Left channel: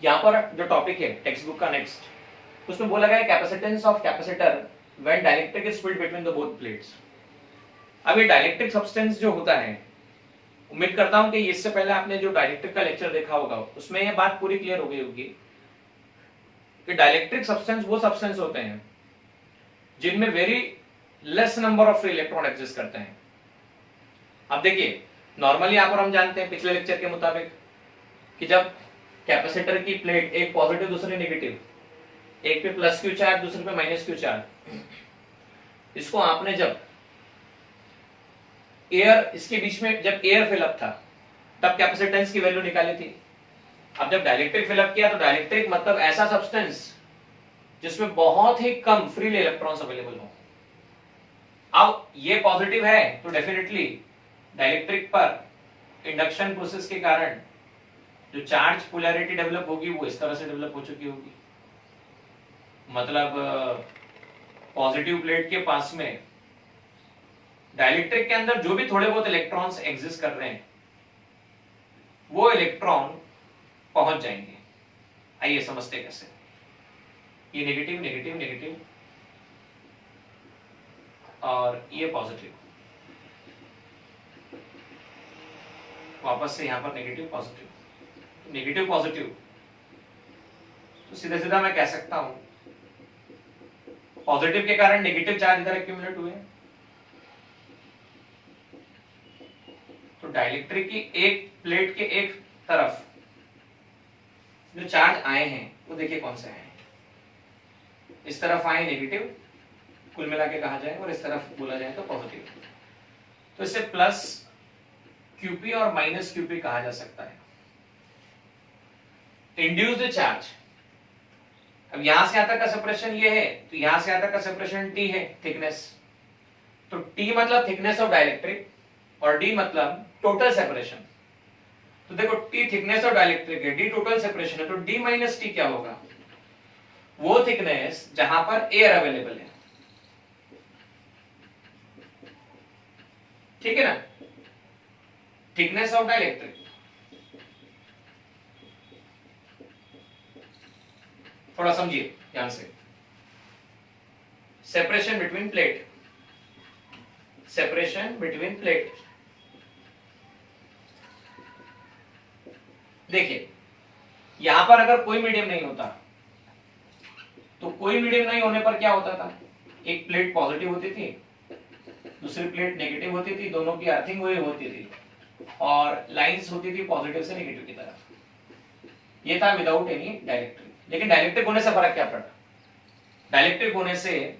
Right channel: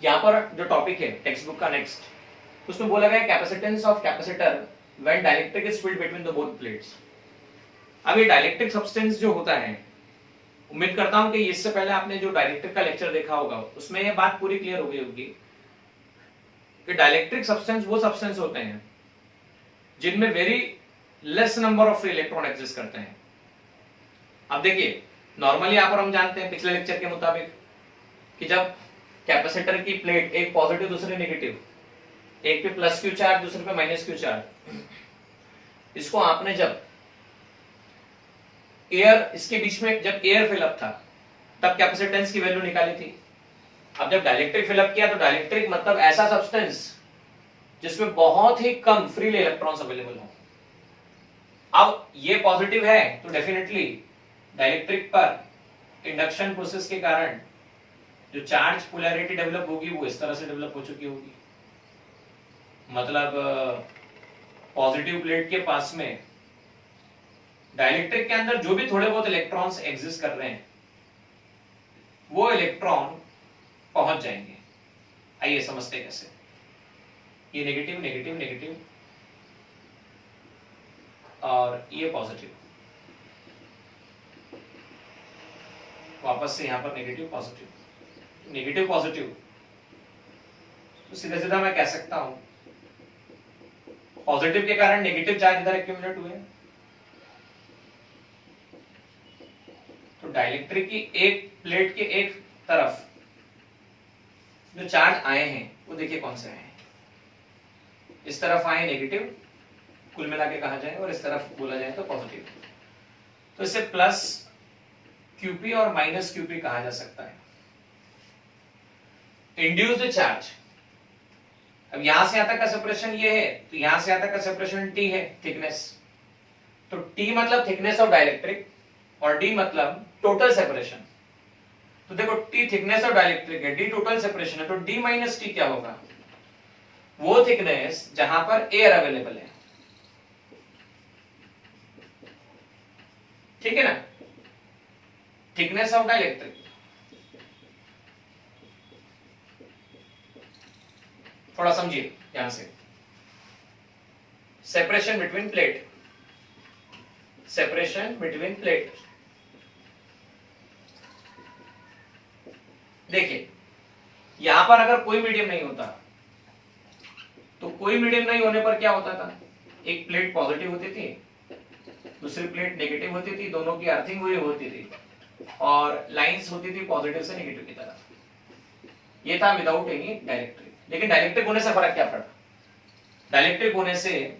यहाँ पर जो टॉपिक है टेक्स्ट बुक का नेक्स्ट, उसमें बोला गया capacitance of capacitor when dielectric is filled between the both plates. अब ये डाइलेक्ट्रिक सब्सटेंस जो होता है, उम्मीद करता हूं कि इससे पहले आपने जो डाइलेक्ट्रिक का लेक्चर देखा होगा उसमें ये बात पूरी क्लियर हो गई होगी कि डाइलेक्ट्रिक सब्सटेंस वो सब्सटेंस होते हैं जिनमें very less number of free electron exist करते हैं। अब देखिए, नॉर्मली यहाँ पर हम जानते हैं पिछले लेक्चर के मुताबिक कि जब कैपेसिटर की प्लेट, एक पॉजिटिव दूसरी नेगेटिव, एक पे प्लस क्यू चार्ज दूसरे पे माइनस क्यू चार्ज, इसको आपने जब एयर, इसके बीच में जब एयर फिलअप था तब कैपेसिटेंस की वैल्यू निकाली थी। अब जब डाइलेक्ट्रिक फिलअप किया तो डाइलेक्ट्रिक मतलब ऐसा सब्सटेंस जिसमें बहुत ही कम फ्री इलेक्ट्रॉन्स अवेलेबल हो। अब ये पॉजिटिव है तो डेफिनेटली डाइलेक्ट्रिक पर इंडक्शन प्रोसेस के कारण जो चार्ज पोलैरिटी डेवलप होगी वो इस तरह से डेवलप हो चुकी होगी, मतलब पॉजिटिव प्लेट के पास में डाइलेक्ट्रिक के अंदर जो भी थोड़े बहुत इलेक्ट्रॉन्स एग्जिस्ट कर रहे हैं वो इलेक्ट्रॉन पहुंच जाएंगे। आइए समझते कैसे। ये नेगेटिव नेगेटिव नेगेटिव और ये पॉजिटिव, वापस से यहां पर नेगेटिव पॉजिटिव, नेगेटिव पॉजिटिव, तो सीधा सीधा मैं कह सकता हूं पॉजिटिव के कारण नेगेटिव चार्ज इधर एक्यूमुलेट हुए। तो डाइलेक्ट्रिक की एक प्लेट के एक तरफ जो चार्ज आए हैं वो देखिए कौन से आए हैं। इस तरफ आए नेगेटिव, कुल मिला के कहा जाए, और इस तरफ बोला जाए तो पॉजिटिव। तो इसे प्लस क्यूपी और माइनस क्यूपी कहा जा सकता है। इंड्यूस्ड चार्ज, अब यहां से यहां तक का सेपरेशन ये है, तो यहां से यहां तक का सेपरेशन टी है, थिकनेस। तो टी मतलब थिकनेस ऑफ डाइलेक्ट्रिक और डी मतलब टोटल सेपरेशन। तो देखो टी थिकनेस ऑफ डाइलेक्ट्रिक है, डी टोटल सेपरेशन है, तो डी माइनस टी क्या होगा? वो थिकनेस जहां पर एयर अवेलेबल है, ठीक है ना? थिकनेस ऑफ डाइलेक्ट्रिक, थोड़ा समझिए ध्यान से। Separation between plate, separation between plate. देखिए यहां पर अगर कोई मीडियम नहीं होता तो कोई मीडियम नहीं होने पर क्या होता था? एक प्लेट पॉजिटिव होती थी, दूसरी प्लेट नेगेटिव होती थी, दोनों की अर्थिंग हुई होती थी और लाइंस होती थी पॉजिटिव से नेगेटिव की तरफ। ये था विदाउट एनी डाइलेक्ट्रिक। लेकिन डाइलेक्ट्रिक होने से फर्क क्या पड़ा? डाइलेक्ट्रिक होने से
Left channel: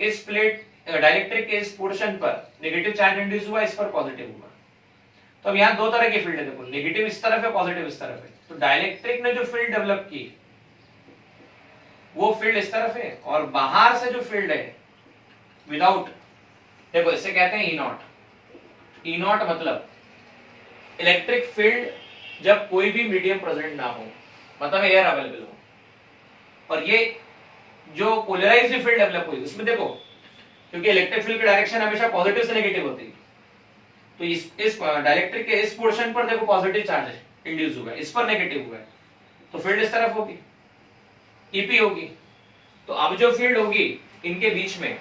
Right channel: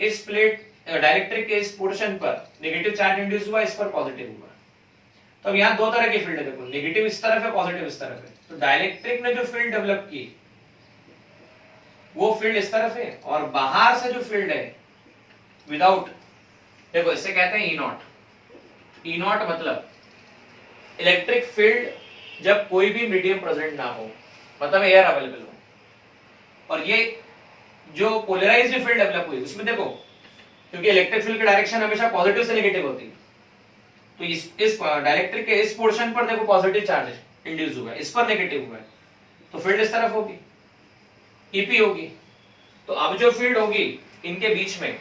इस प्लेट, डाइलेक्ट्रिक के इस पोर्शन पर नेगेटिव चार्ज इंड्यूस हुआ, इस पर पॉजिटिव हुआ। तो अब यहाँ दो तरह की फील्ड है, देखो नेगेटिव इस तरफ है, पॉजिटिव इस तरफ है। तो डाइलेक्ट्रिक ने जो फील्ड डेवलप की वो फील्ड इस तरफ है, और बाहर से जो फील्ड है विदाउट, देखो इसे कहते हैं ई नॉट। ई नॉट मतलब इलेक्ट्रिक फील्ड जब कोई भी मीडियम प्रेजेंट ना हो, मतलब एयर अवेलेबल हो, और ये जो पोलराइज्ड फील्ड डेवलप हुई उसमें देखो, क्योंकि इलेक्ट्रिक फील्ड की डायरेक्शन हमेशा पॉजिटिव से नेगेटिव होती है, तो इस डाइलेक्ट्रिक के इस पोर्शन पर देखो पॉजिटिव चार्ज इंड्यूस हुआ है, इस पर नेगेटिव हुआ है, तो फील्ड इस तरफ होगी, ईपी होगी। तो अब जो फील्ड होगी इनके बीच में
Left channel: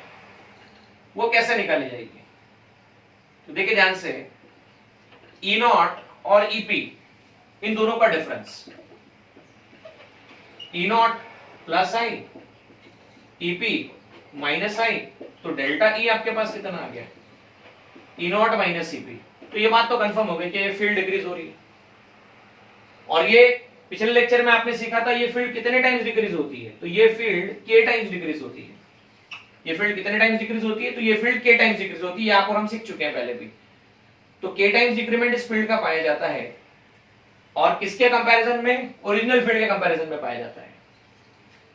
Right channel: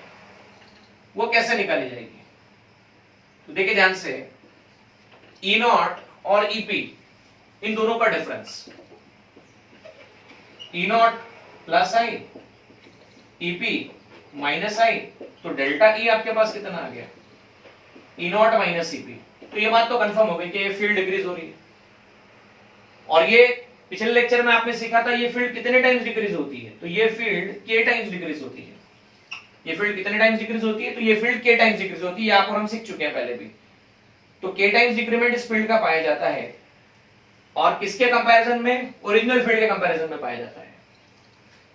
वो कैसे निकाली जाएगी? तो देखिए ध्यान से, ई नॉट और ईपी, इन दोनों का difference, E naught plus I, EP minus I, तो डेल्टा ई आपके पास कितना आ गया? E naught minus EP. तो ये बात तो कंफर्म हो गई कि ये फील्ड डिक्रीज हो रही है। और ये पिछले लेक्चर में आपने सीखा था ये फील्ड कितने टाइम्स डिक्रीज होती है? तो ये फील्ड के टाइम्स डिक्रीज होती है। ये फील्ड कितने टाइम्स डिक्रीज होती है? तो ये फील्ड के टाइम्स डिक्रीज होती है, यहाँ पर हम सीख चुके हैं पहले भी। तो के टाइम्स डिक्रीमेंट इस फील्ड का पाया जाता है, और किसके कंपैरिजन में? ओरिजिनल फील्ड के कंपैरिजन में पाया जाता है।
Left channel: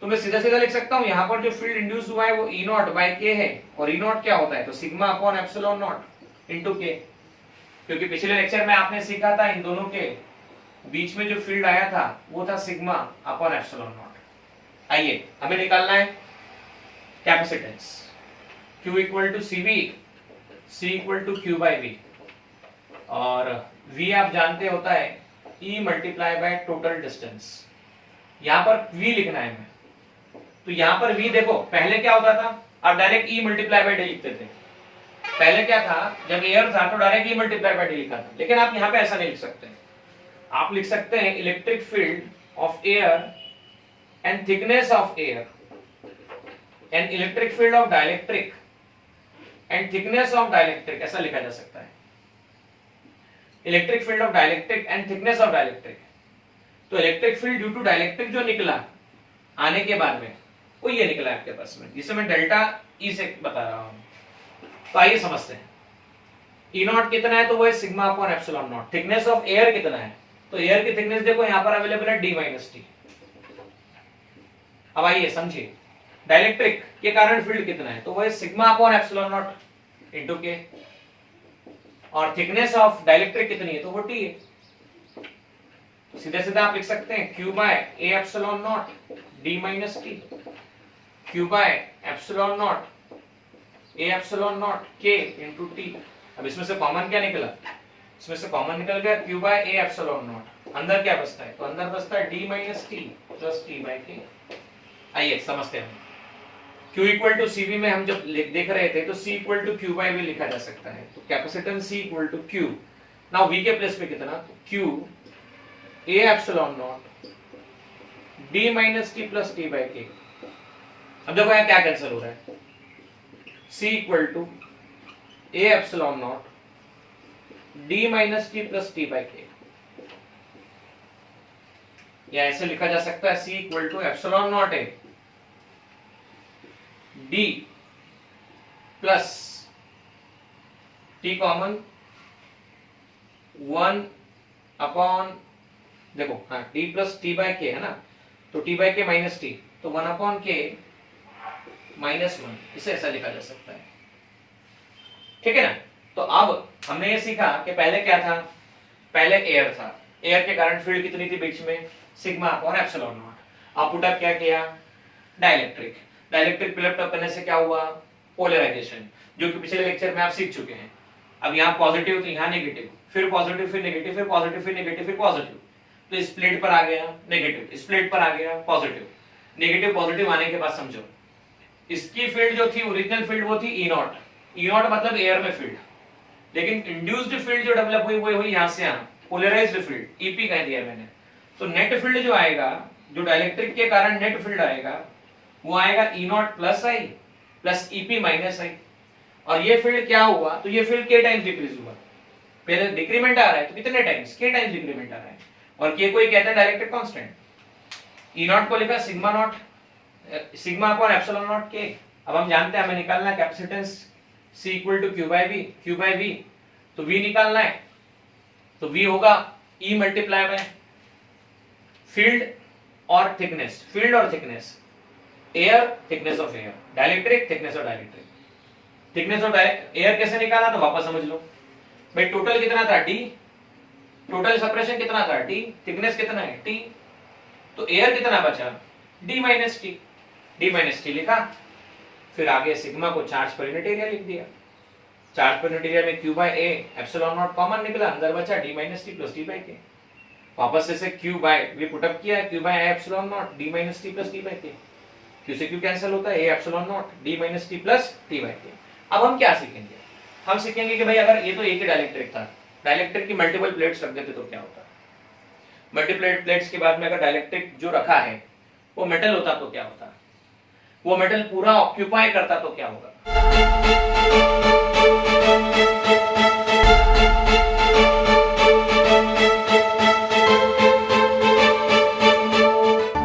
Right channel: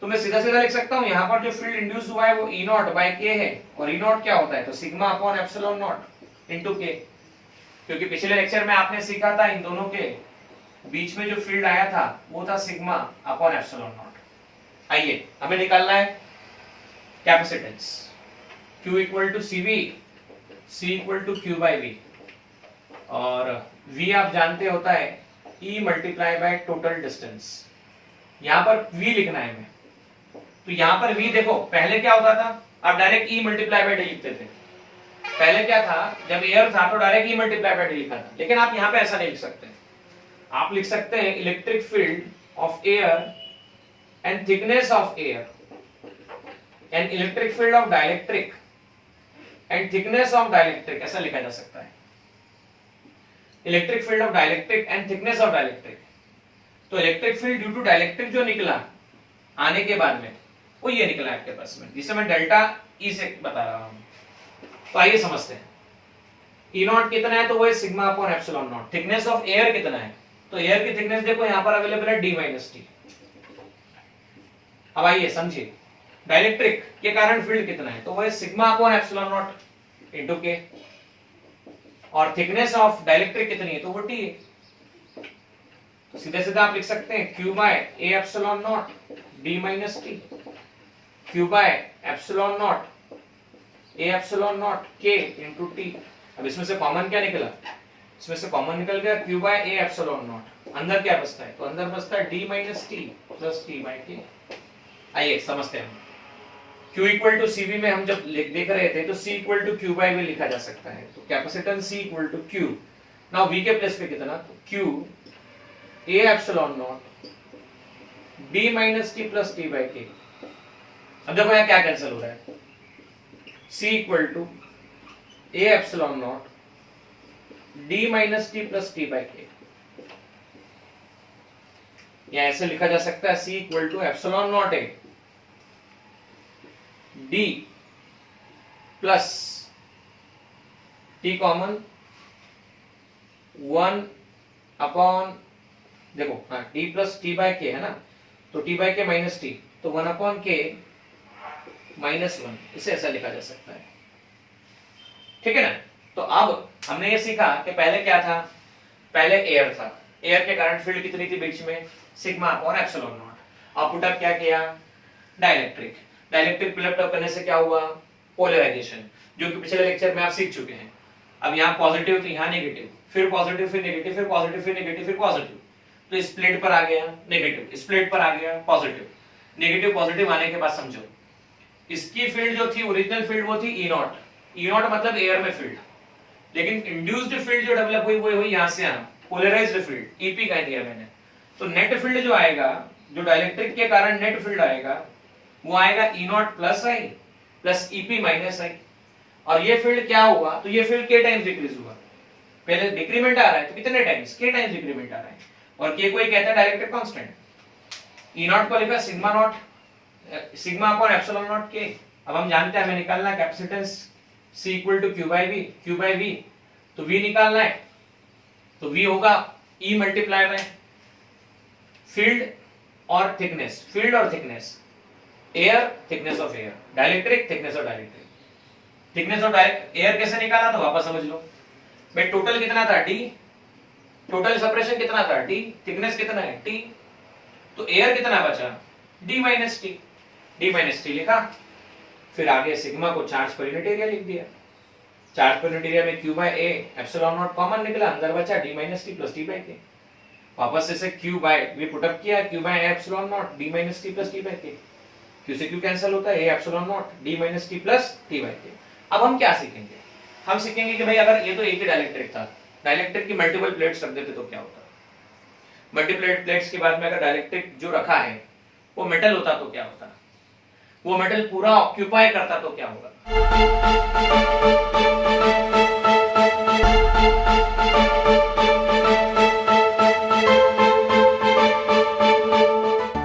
तो मैं सीधा सीधा लिख सकता हूं, यहां पर जो फील्ड इंड्यूस हुआ है वो ई नॉट बाय के है, और ई नॉट क्या होता है? तो sigma upon epsilon not into के। क्योंकि पिछले लेक्चर में आपने सीखा था इन दोनों के बीच में जो फील्ड आया था वो था सिग्मा अपॉन एप्सिलॉन नॉट। आइए हमें निकालना है capacitance, Q equal to CV, C equal to Q by V, और V आप जानते होता है E multiply by total distance. यहाँ पर v लिखना है हमें, तो यहाँ पर v देखो पहले क्या होता था, आप direct e multiply bye D लिखते थे। पहले क्या था, जब एयर था तो direct e multiply bye D लिखा था, लेकिन आप यहाँ पे ऐसा नहीं लिख सकते। आप लिख सकते हैं electric field of air and thickness of air and electric field of dielectric and thickness of dielectric, ऐसा लिखा जा सकता है। Electric field of dielectric and thickness of dielectric, तो electric field due to dielectric जो निकला आने के बाद में, वो ये निकला आपके पास में, जिसे मैं डेल्टा ई से बता रहा हूं। तो आइए समझते हैं। ई नॉट कितना है, तो वो है sigma upon epsilon not. Thickness of air कितना है, तो एयर की थिकनेस देखो यहां पर अवेलेबल है डी माइनस टी। अब आइए समझिए, डाइलेक्ट्रिक के कारण फील्ड कितना है, तो वो है sigma upon epsilon not into के, और थिकनेस ऑफ डाइलेक्ट्रिक कितनी है, तो वो टी है। तो सीधे सीधे आप लिख सकते हैं Q by A epsilon naught D minus T, Q by epsilon naught A epsilon naught K into T. अब इसमें से कॉमन क्या निकला, इसमें से कॉमन निकल गया Q by A epsilon naught. अंदर क्या बचता है, तो अंदर बचता है D minus T plus T by K. आइए समझते हैं। Q इक्वल टू CV में हम जब देख रहे थे तो C equal to Q by V लिखा जा सकता है, तो capacitance C equal to Q। Now V के प्लेस पे कितना, तो Q A epsilon naught D minus T plus T by K। अब देखो यहाँ क्या कैंसिल हो रहा है, C equal to A epsilon naught D minus T plus T by K, या ऐसे लिखा जा सकता है C equal to epsilon naught A D plus T common 1 upon, देखो हाँ D plus T by K है ना, तो T by K minus T, तो 1 अपॉन K माइनस 1, इसे ऐसा लिखा जा सकता है। ठीक है ना। तो अब हमने ये सीखा कि पहले क्या था, पहले एयर था, एयर के कारण फील्ड कितनी थी बीच में, सिग्मा अपॉन एप्सिलॉन नॉट। अब पुट अप क्या किया, डाइलेक्ट्रिक। डाइलेक्ट्रिक पुट अप करने से क्या हुआ, पोलराइजेशन, जो कि पिछले लेक्चर में आप सीख चुके हैं। अब यहाँ पॉजिटिव तो यहाँ नेगेटिव, फिर पॉजिटिव फिर नेगेटिव, फिर पॉजिटिव फिर नेगेटिव, फिर पॉजिटिव, तो स्प्लिट पर आ गया नेगेटिव, स्प्लिट पर आ गया पॉजिटिव, नेगेटिव पॉजिटिव आने के बाद समझो इसकी फील्ड जो थी ओरिजिनल फील्ड वो थी ई नॉट। ई नॉट मतलब एयर में फील्ड, लेकिन इंड्यूस्ड फील्ड जो डेवलप हुई वो हुई यहाँ से यहाँ, पोलराइज्ड फील्ड, ईपी कह दिया मैंने। तो नेट फील्ड जो आएगा, जो डाइलेक्ट्रिक के कारण नेट फील्ड आएगा, वो आएगा E naught plus I plus EP minus I. और ये फील्ड क्या हुआ, तो ये फील्ड के टाइम्स डिक्रीज हुआ, पहले डिक्रीमेंट आ रहा है तो कितने टाइम्स, के टाइम्स डिक्रीमेंट आ रहा है, और के कोई कहता है डाइलेक्ट्रिक कांस्टेंट। ई नॉट को लिखा sigma naught, sigma upon epsilon naught K. अब हम जानते हैं हमें निकालना capacitance C equal to Q by V, Q by V, तो V निकालना है, तो V होगा E मल्टीप्लाई बाय फील्ड और थिकनेस, फील्ड और thickness, air thickness of air, dielectric thickness of dielectric. Thickness of air कैसे निकाला, तो वापस समझ लो भाई, टोटल कितना था D, टोटल सेपरेशन कितना था T, थिकनेस कितना है T, तो एयर कितना बचा D minus T, D minus T लिखा, फिर आगे सिग्मा को चार्ज पर यूनिट एरिया लिख दिया। चार्ज पर यूनिट एरिया में Q by A epsilon naught common निकला, अंदर बचा D minus T plus T by K। वापस से Q by V put up किया, Q by A epsilon naught D minus T plus T by K। Q से Q cancel होता है, A epsilon naught D minus T plus T by K। अब हम क्या सीखेंगे, हम सीखेंगे कि भाई अगर ये तो एक ही डाइलेक्ट्रिक था, डाइलेक्ट्रिक की मल्टीपल प्लेट्स रख देते तो क्या होता, मल्टीपल प्लेट्स के बाद में अगर डाइलेक्ट्रिक जो रखा है वो मेटल होता तो क्या होता, वो मेटल पूरा ऑक्यूपाई करता तो क्या होगा।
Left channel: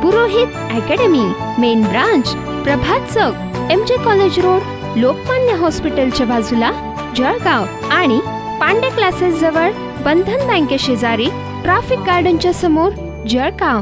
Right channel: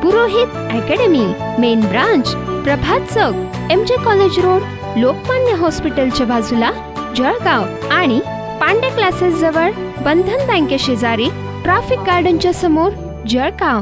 पुरोहित अकॅडमी, मेन ब्रांच प्रभात चौक, MJ कॉलेज रोड, लोकमान्य हॉस्पिटलच्या बाजूला, जळगाव, आणि पांडे क्लासेस जवळ, बंधन बँके शेजारी, ट्रॅफिक गार्डनच्या समोर, जळगाव।